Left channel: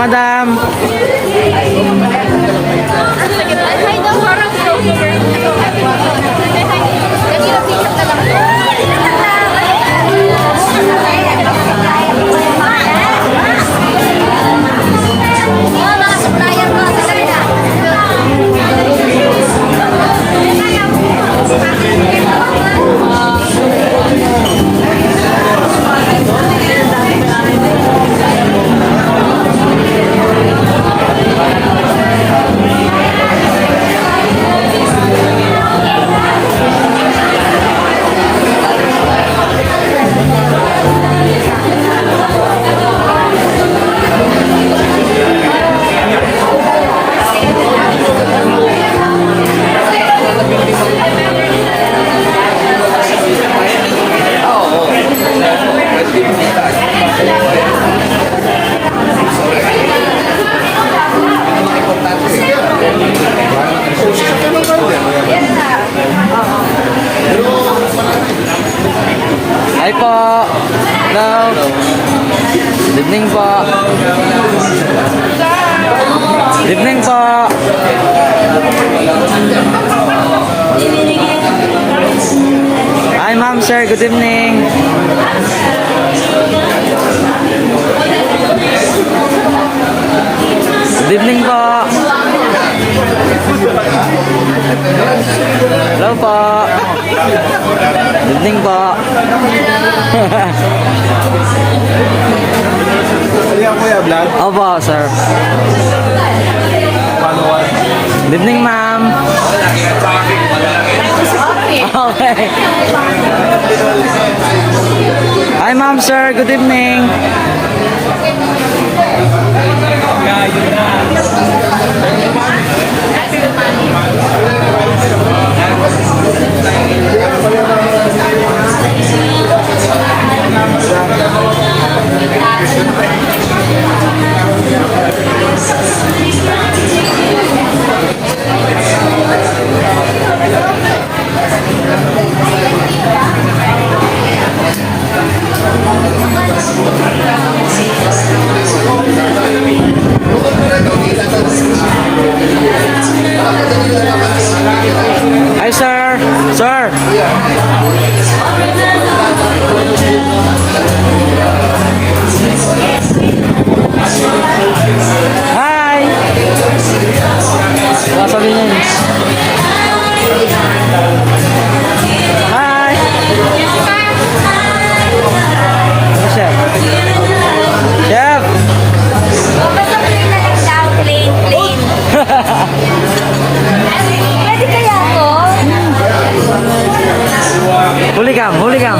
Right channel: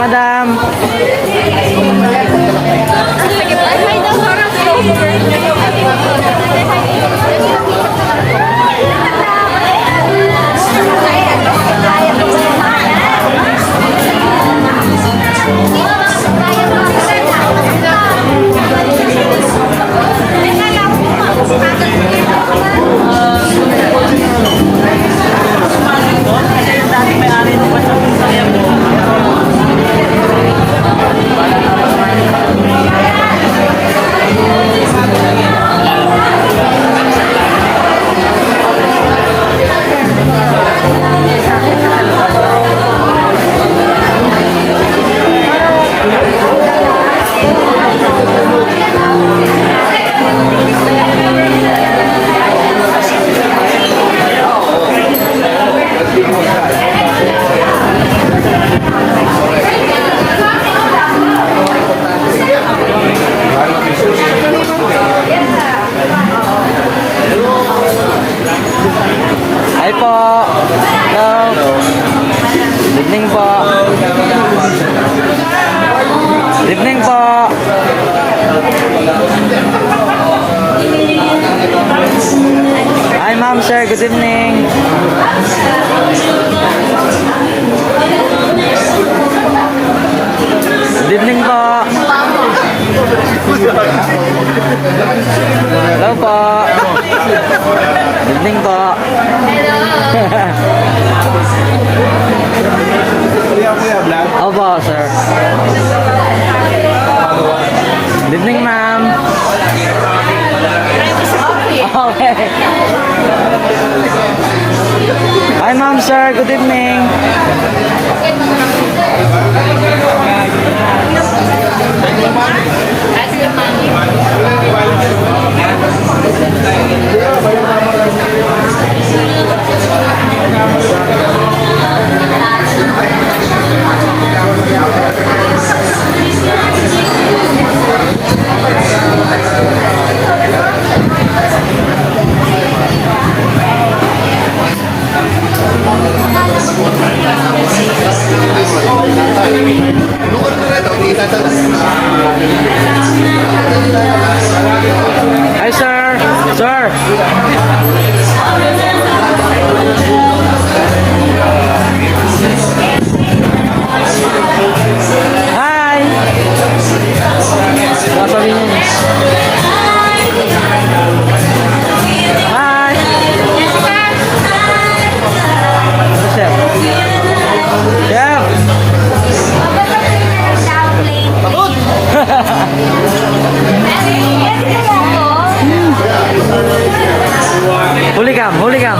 madam. Hi po. Hello. Good evening po. Good evening po. Hi ma'am, sir. Good evening. Good evening po. Hello po. Good evening po. Pwede ako kuya, vlog? Opo, sir. Good evening, ma'am. Okay. Hi, ma'am, sir. Good evening. Hi, sir. Sir. Hi. What's up, Nini? Hi. What's up? Yeah. Huligam, huligam.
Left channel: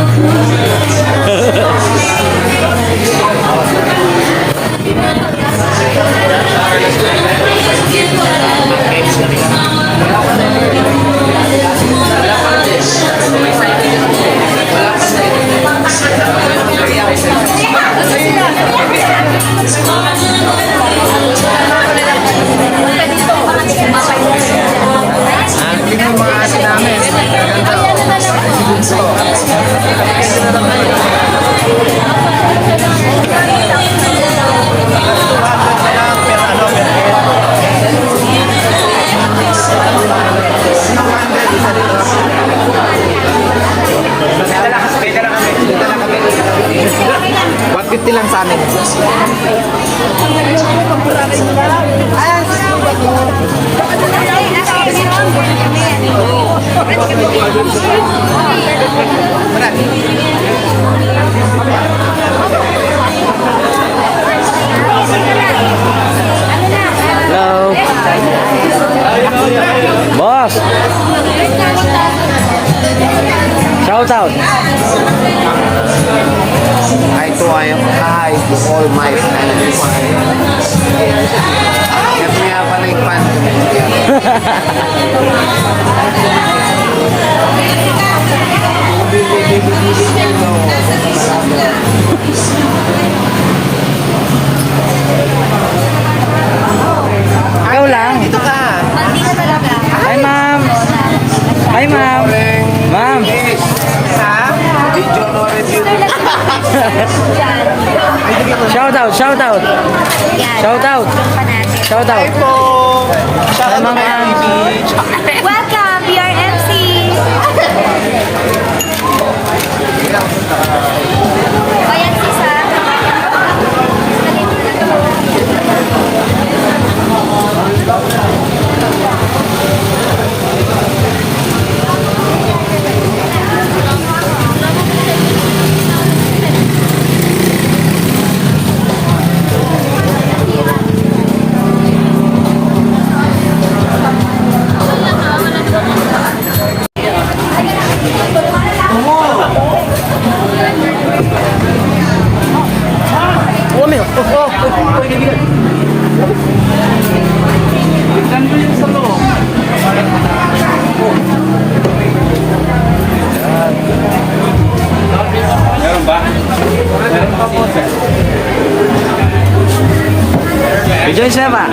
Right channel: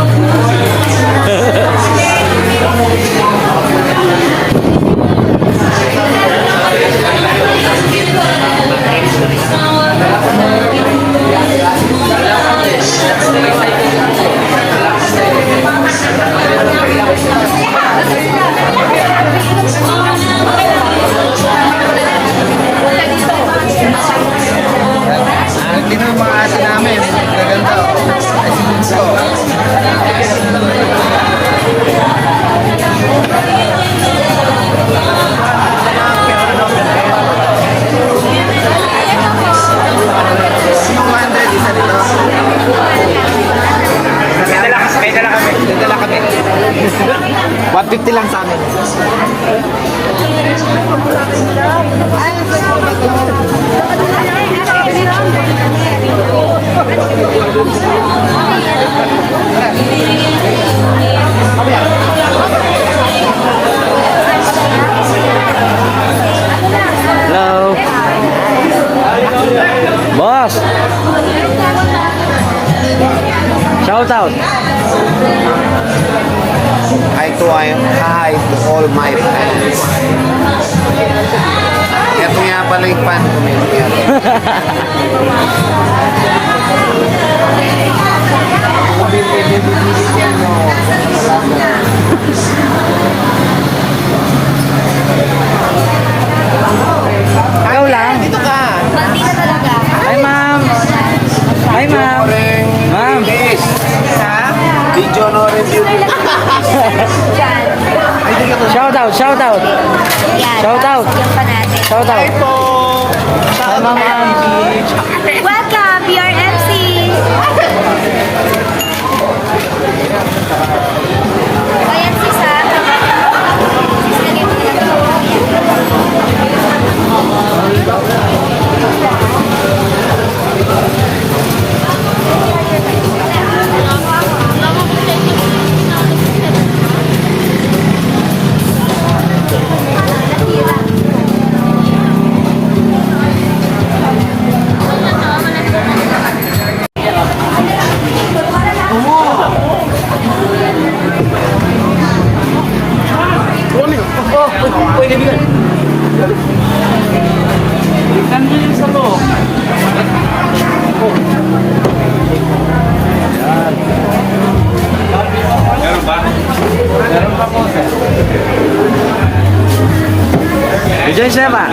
$150 lang sa amin. Hello. Boss. Shout out. Hi to all my fans. Kaya nga pala yung fan ko nila. Ikaw lang. Dito ka. Hi, ma'am. Hi, ma'am. Ma'am. Ha? Video review. Shout out. Shout out. Shout out. Shout out. Hi po! Hi, Ma'am Angie. Welcome, BRMC! Ayan si Sam. Rejoice na ba?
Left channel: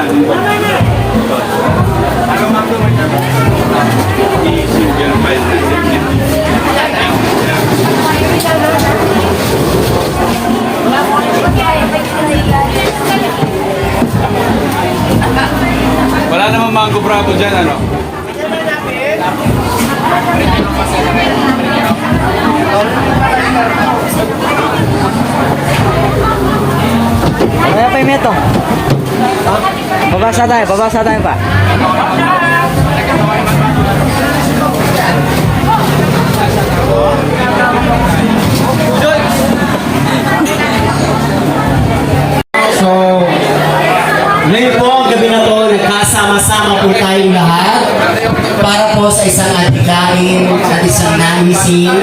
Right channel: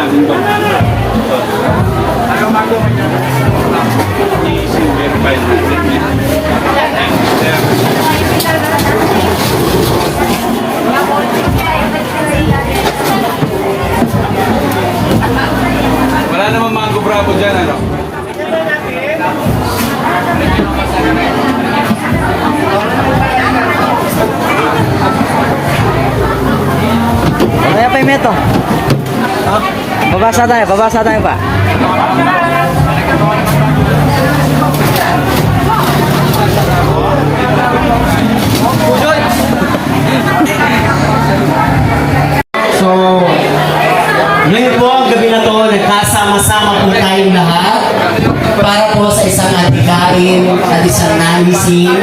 Wala namang mango bravo dyan, ano? Kaya pa yung meto. Babasa tayo pa. So, ngayon po, ang gabi na to, nagkasama-sama po tayong lahat para po sa isang adhikain at isang nanisin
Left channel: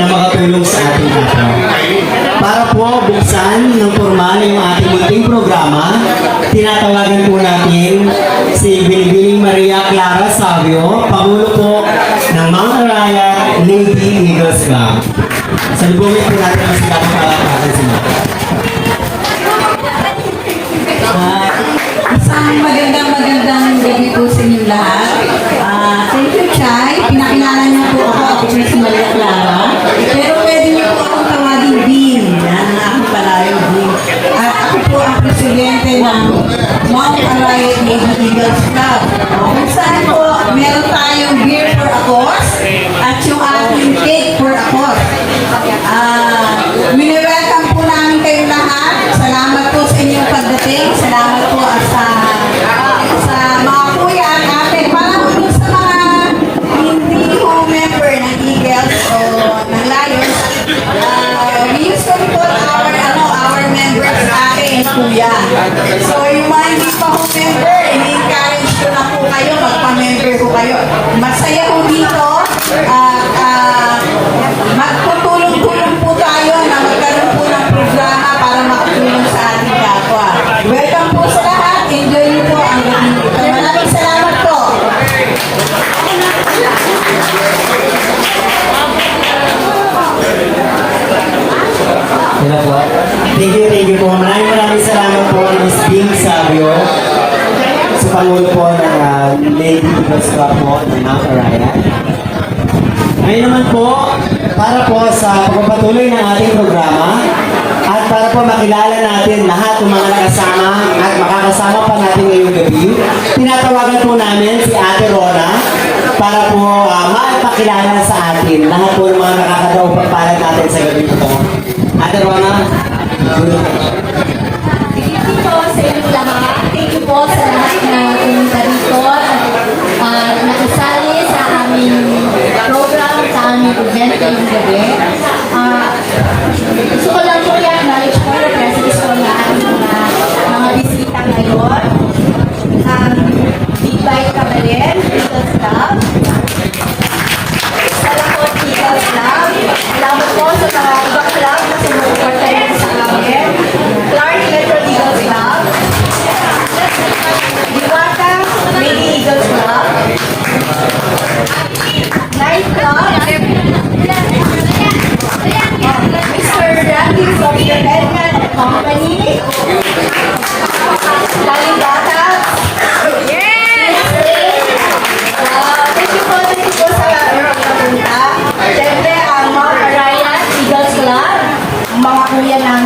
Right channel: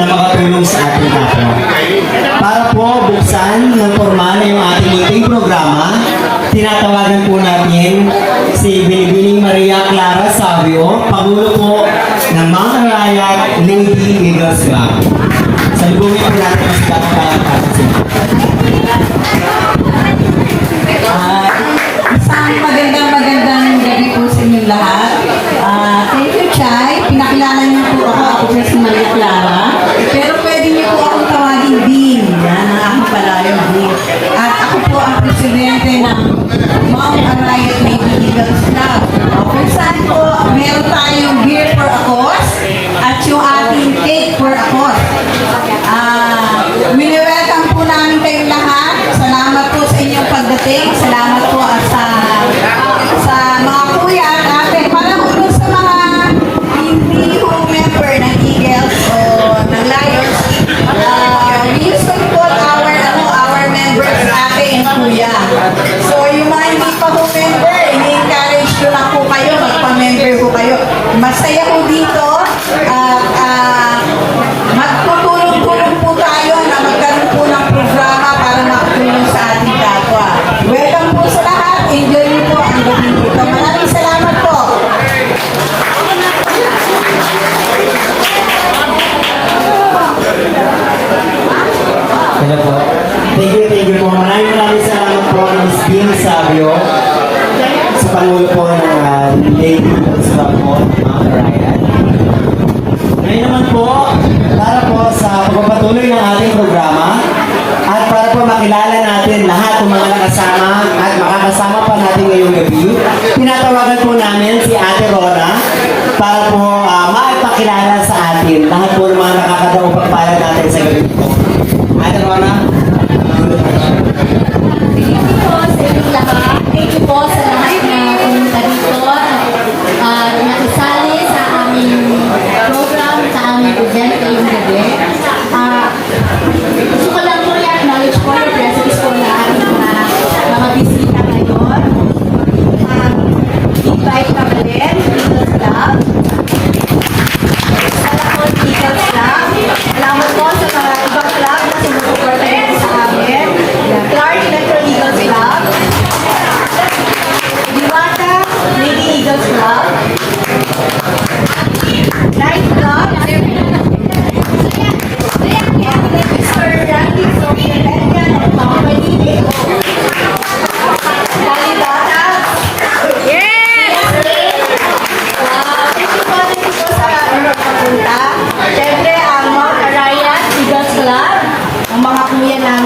na makatulong sa ating kapwa. Para po buksan ng formal yung ating munting programa, tinatawagan po natin si Binibining Maria Clara Savio, Pangulo po ng Mount Arayat Lady Eagles Club. Salubungin po natin ang sila para sila. Isang magandang gabi po sa inyong lahat. Thank you, Chay. Pinakilala niyo po ako. Ako po si Maria Clara. Pero pwede niyo po akong tawagin Bean. Yan ang aking palayo, Bean. At ako po ang presidente ng Mount Arayat Lady Eagles Club. Kung saan po, meron tayong beer for a cause at yung ating cake for a cause. Mini-welcome po namin kayong lahat. Salamat po sa inyong pagdating. Salamat po sa mga kuya at ate. Para po dun sa mga hindi home member ng Eagles o ng Lions, we used to call our members ate and kuya. So yung mga hindi pa home member, ini-encourage ko na po kayo, magpa-member po kayo. Masaya po dito at magtutulong-tulong po tayo na magkaroon po ng programa para makatulong sa ating kapwa. Welcome po sa lahat. Enjoy niyo po ang gabi dito. Maraming salamat po. Ano po? Thank you po. Maraming salamat po kay Ms. Bing Savio sa Pangulo po ng Lady Eagles Club po ng Mount Arayat. Ngayon naman po, para po sa pagpapatuloy ng ating programa at para po makilala natin lahat ng mga nakasama at makakasama pa natin ngayong gabi, tinatawagan po namin si Ate Rona para po maipakilala sa atin lahat po ng mga nakakadaupang pagpalag natin sa gabi po. Ate Rona, Thank you po sa inyong lahat. Thank you po sa lahat na pumunta dito at nakisali sa aming program, sa aming event ngayong gabi. Gusto ko lang po i-acknowledge po yung presence po na aming mga bisita ngayon. Big Bite Kabalin, Eagles Club. Salakot Eagles Club. Salamat po sa mga ibang club na sumusuporta rin sa amin. Clark Metro Eagles Club. Diwata Lady Eagles Club. Night Club. Mr. Randy Sophia Edman and Company. Kalibata. Wow, thank you po sa Europe na punta. Siyempre, ang Mount Arayat Eagles Club, ang mga kuya namin.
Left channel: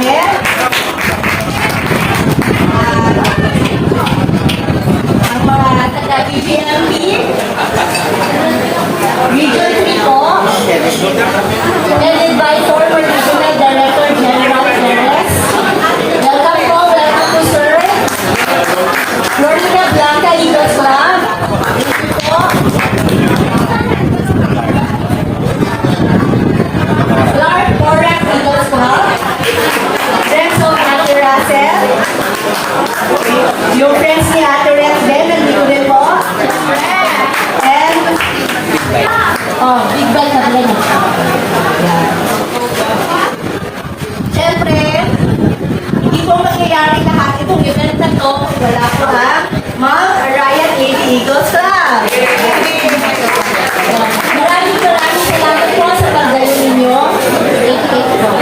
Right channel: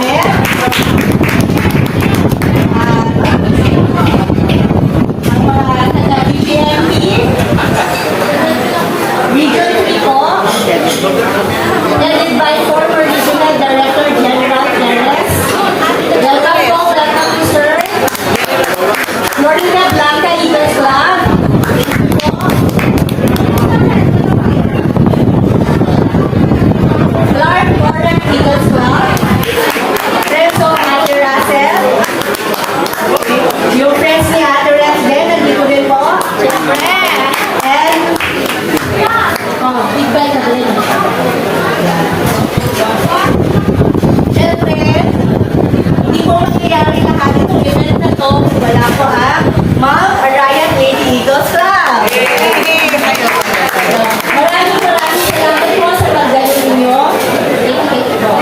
mangyayari kahapon kung event na to, wala po Mount Arayat Lady Eagles Club. Maraming salamat po sa pagdalo ninyo. Thank you po.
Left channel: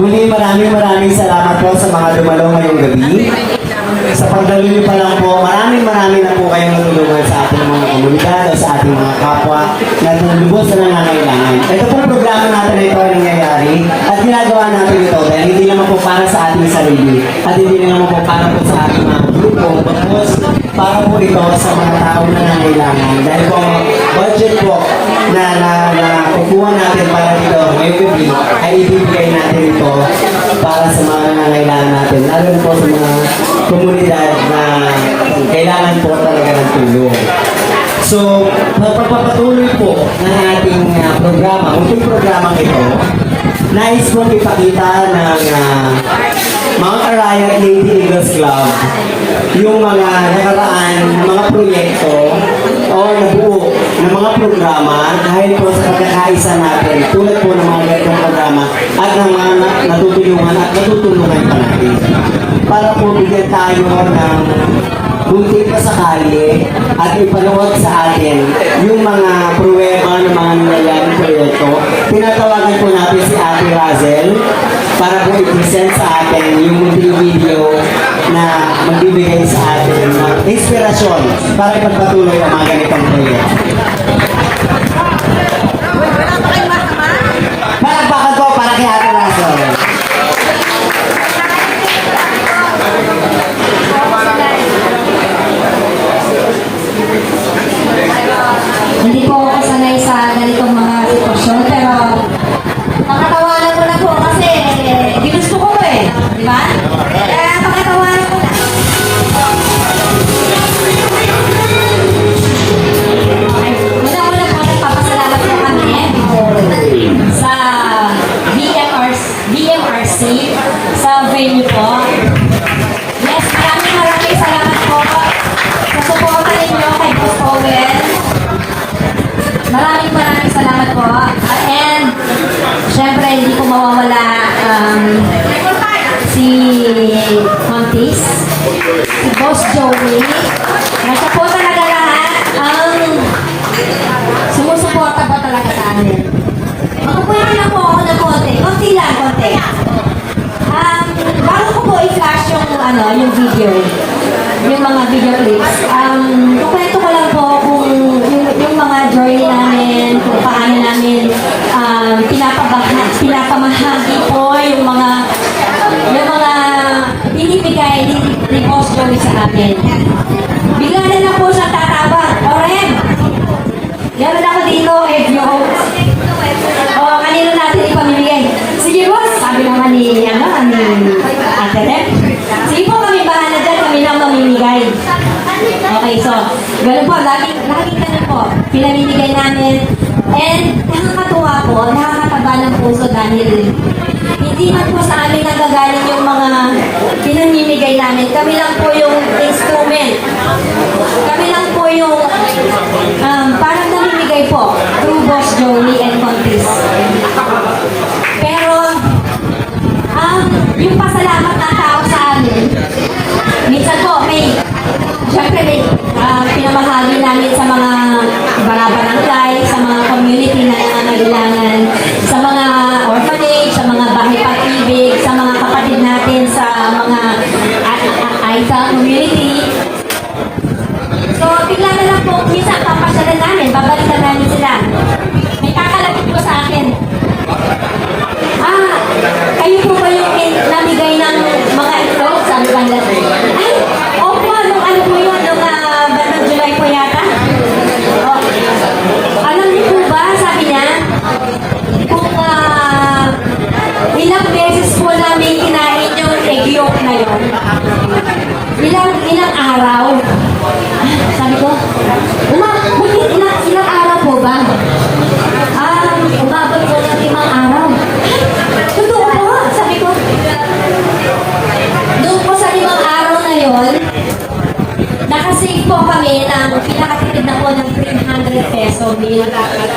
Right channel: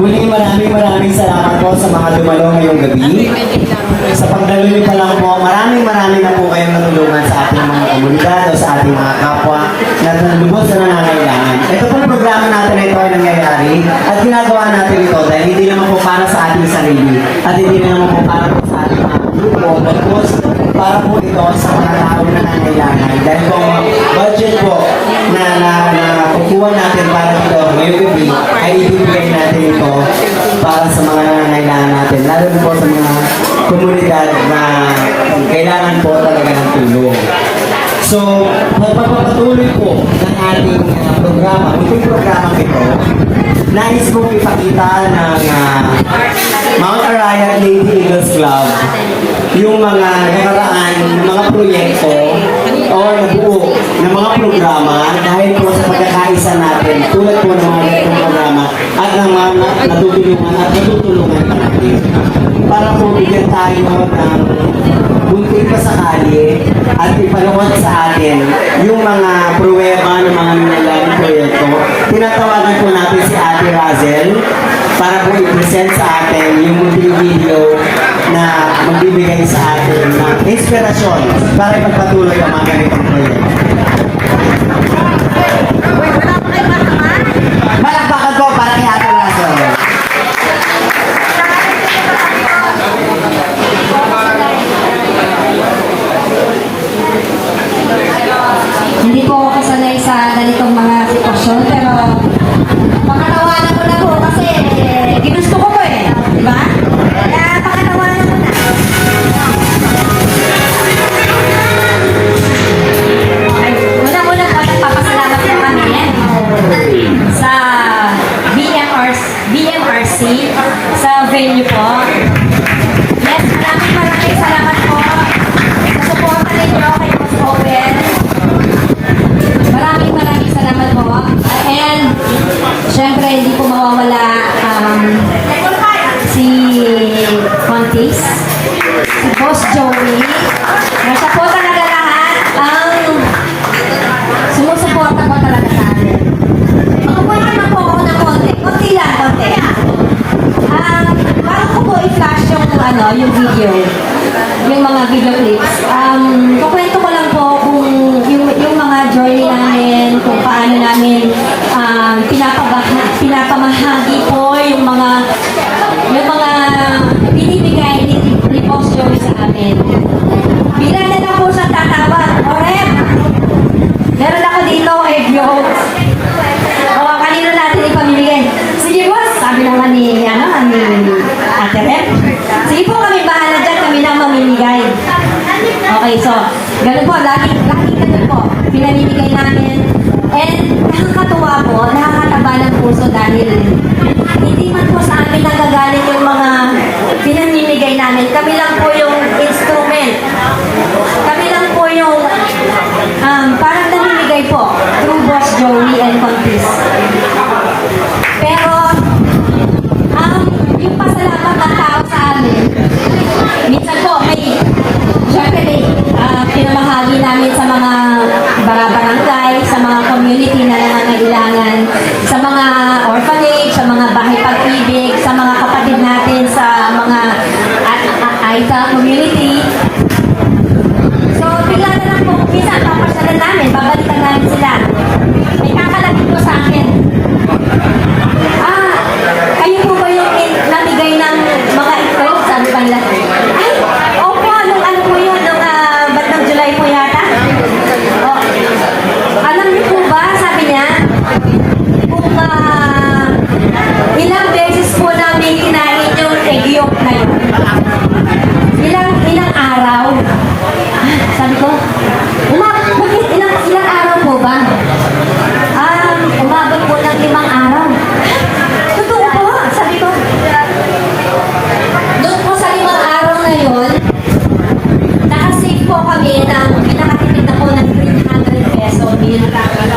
Muli maraming salamat po sa mga dumalo ngayong gabi. Sa pagdalo niyo pa lang po, maraming na po kayong natulungan sa ating mga komunidad o sa ating mga kapwa na lubos na nangangailangan. Ito po ang programa natin na ito ay nangyayari at ginagawa natin ito dahil hindi naman po para sa ating sarili at hindi naman po para po sa ating mga grupo, bagkus para po ito sa mga tao na nangangailangan. Dahil po ang budget po na kukuha natin para dito ngayong gabi ay ibibigay natin ito para sa mga nangangailangan natin, lalo na po sa mga komunidad na kailangan po talaga ng tulong. So, pagpapatuloy po ng ating programa, unting programang ito, nais pong ipakita ng Mount Arayat Lady Eagles Club yung mga nakaraan ng mga proyekto o nabuo ng mga programa dahil po sa pagkakaisa natin tulad po ng mga ganitong programa at ng mga natutulungan at natutulungan pa natin para po bigyan tayo ng bunti pa sakali at ipanood sa atin yung mga pruweba ng mga nangyayaring proyekto. Tinatawagan po natin si Ate Hazel para po i-present sa atin yung munting video na magbibigay sa atin ng inspirasyon para ipagpatuloy ang mga ganitong proyekto. Palakpakan po para kay Ate Hazel. Hindi po ako sanay sa ganitong mga sitwasyon, pero pakatawanan ko na po kasi ginusto ko di ba? Kaya pakatawanan ko na. Okay, una-una po nagpapasalamat po kami sa BMRC sa venue po. Yes, maraming salamat po sa suporta ninyo kay Boss Owen. Maraming salamat po. And, syempre, hindi po mawawala si Contis, si Boss Joey, na siya po talaga lahat ang sumusuporta po talaga sa amin. Magpupunta na po ako ng konti. Konti lang, konti. Bago ko po i-flash yung video, yung mga video clips. Kukwento ko lang po kung yung mga journey namin, kung paano namin pinapamahagi po yung mga binibigay ni Boss Joey sa amin. Bigla na lang po sa tatawag, Orem, meron ako dito egg yolk. O, kanino natin ipamimigay? Sige boss, sabi naman ni Ate Rep. Sige po, kami bahala dyan, kami na mamimigay. Okay, so, ganun po, lagi ganun po, pinamimigay namin. And, nakakatuwa po, nakakataba ng puso dahil hindi man po sa amin nagagaling yung mga pinamimigay namin. Kami lang po yung instrument. Kami lang po yung parang namimigay po through Boss Joey and Contis. Pero, yung pasalamat ng tao sa amin, minsan po syempre pinamahagi namin sa mga barangay, sa mga community na nangangailangan, sa mga orphanage, sa mga bahay pag-ibig, sa mga kapatid natin, sa mga AITA community. So, bigla na lang po, minsan papasyalan namin, babalitan namin sila. May kakalapit po sa akin. Kayo po ba yung namigay ng mga itlog? Sabi ba nila? Ay, opo, ano po yun? Batang July po yata? Alam niyo po ba, sabi niya, kung ilang beses po namin kinain yung egg yolk na yun.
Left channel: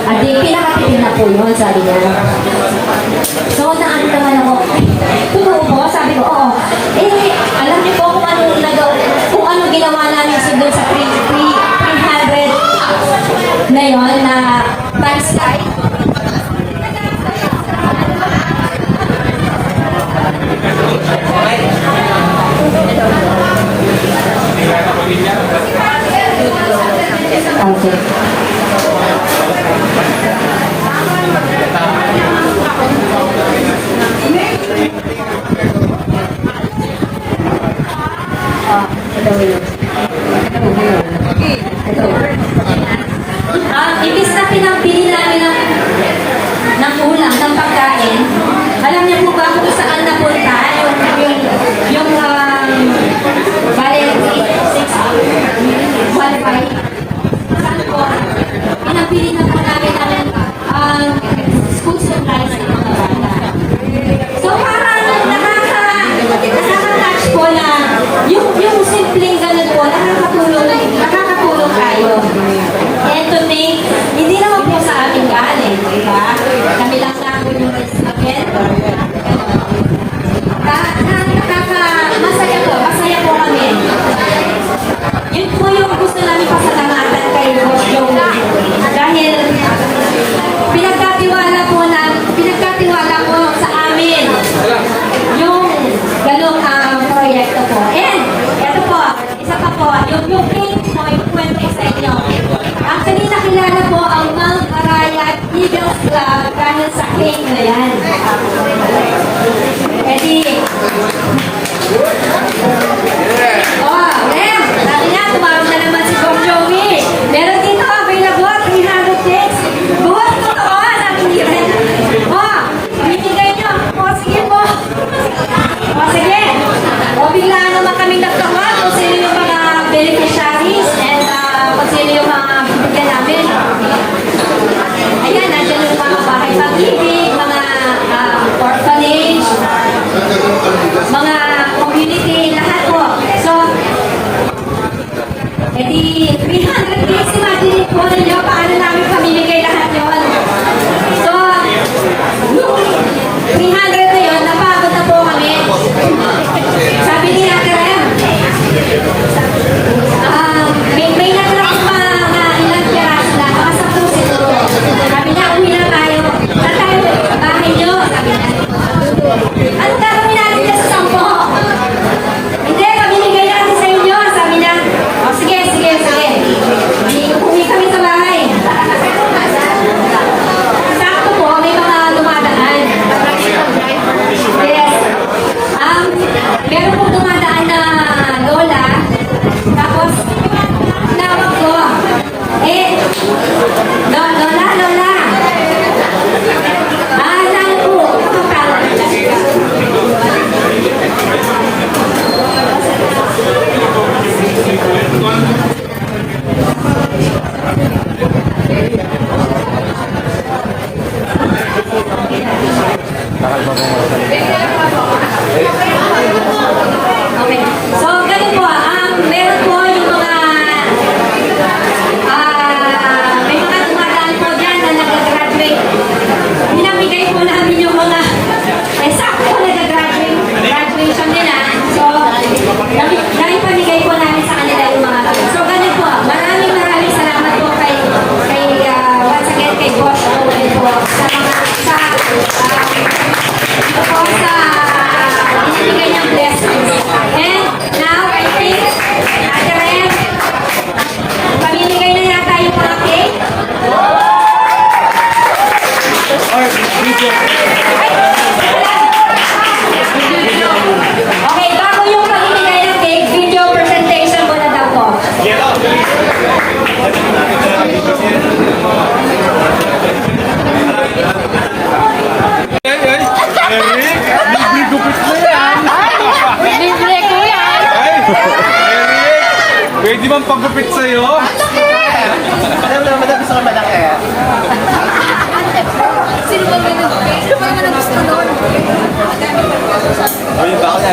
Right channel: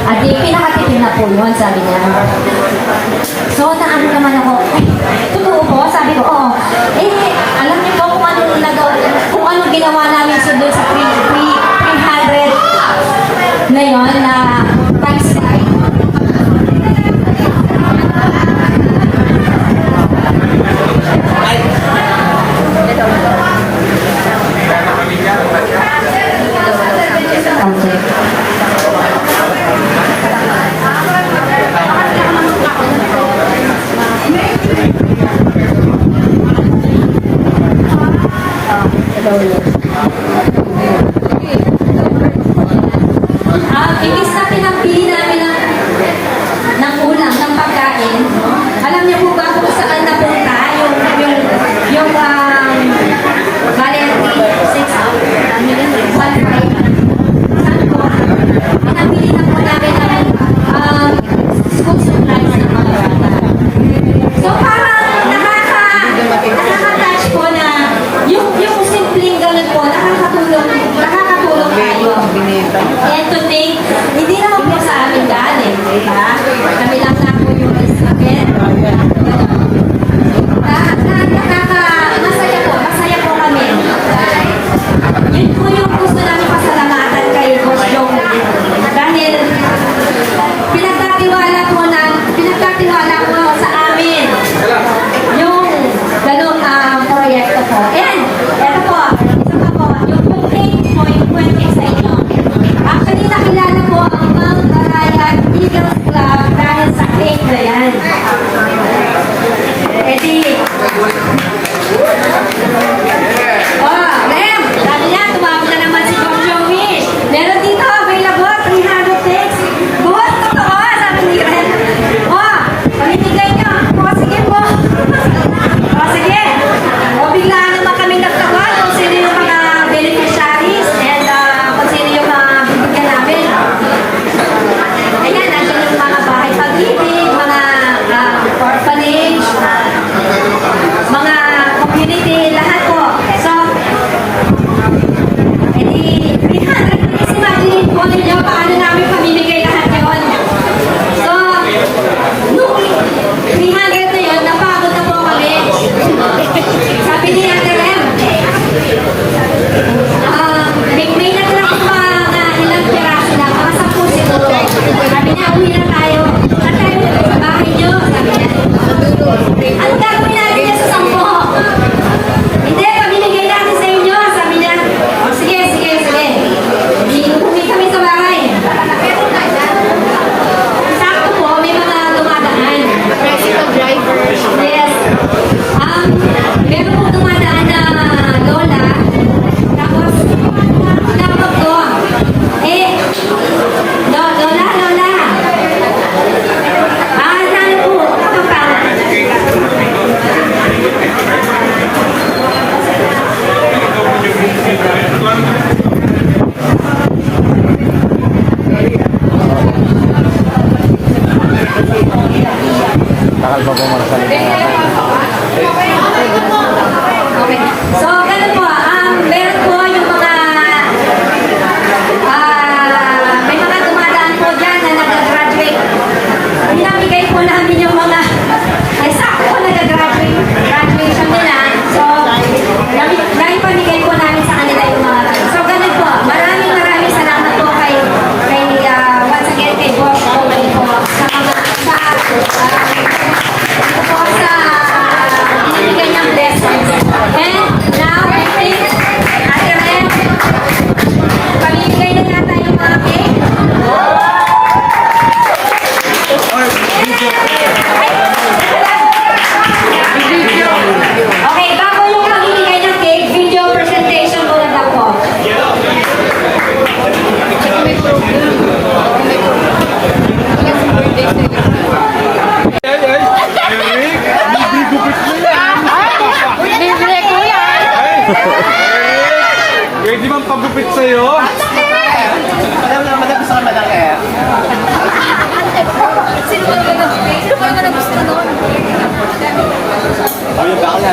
At di, pinakatipid na po yun, sabi niya. So, naano naman ako, totoo po, sabi ko, oo. Eh, alam niyo po kung ano ginawa namin so doon sa 300 na yun, na times 5. Okay. Imbis na pinagbili namin ng ulam, ng pagkain, alam niyo po ba kung saan napunta yung Valenti 6 1.5? Saan po? Pinagbili na po namin ng school supplies ng mga bata. So parang nakaka-touch po na yung simpleng ganun po, nakakatulong tayo. And to think, hindi naman po sa amin galing, di ba? Kami lang na po yung again. Masaya po kami. Yun po yung gusto namin pasalamatan kay Boss Joey. Dahil pinagkatiwala po sa amin yung ganun proyekto po. And, eto po, isa pa po, yung booking po, yung 20 sa inyo. Actually, nakilala po ang Mount Arayat Eagles Club dahil sa cake na yan. Eddie. Rem, sabi niya, tumawag na naman si Boss Joey. Meron dito, available, 300 cakes. Buhat, totoo, sabi ni Rem. Pamimigay niyo. Sige po. Sige. Biglaan naman kaming nagtawag kung sino yung mga beneficiaries and kung sino yung mga bibigyan namin. Ayan, nandiyan yung mga bahay pag-ibig, mga orphanage, mga community, lahat po. So, edi 300 kilos si Madeline po ninyo, paano namin pamimigay lahat yun? So, nung 300 na yun, napagod na po kami. Sabi ni Ate Rem, may natrap pa na ilang peraso lang, mga 10 siguro. Sabi niya, uwi na tayo. Saan tayo? Sa bahay niyo, sabi niya. Anong gagawin natin niya sa 10? Hindi, pamimigay natin sa inyo, sabi niya. Sige. Uwi kami sa bahay. Sakto po, may mga dumadaan. Yes. Meron pong dumadaan na lola. Tapos, tinawag ko. Lola. Sana po, makapala. Takal pa po magsalita yata. Okay. So, ganun po. Meron po yung mga may mga dumadaan po dyan na nag-graduate. Pinamigay po namin yung mga sakto nag-graduation nila. So, dahil pamigay po namin sa kanila yung mga so, ganun po. Maraming salamat po kay once again kay Boss Joey po sa mga ito po sa binibigay niyang blessings. And now, I think, Ate Rem, pamimigay na yata yung mga cake. Ay, teka lang. Okay, bago yung pamimigay ng cake, video presentation muna daw po. Pwede bang pagupit sa'yo? Alam mo naman, gusto ka malaki. Sino ba naman gusto nun? Ano ba ako?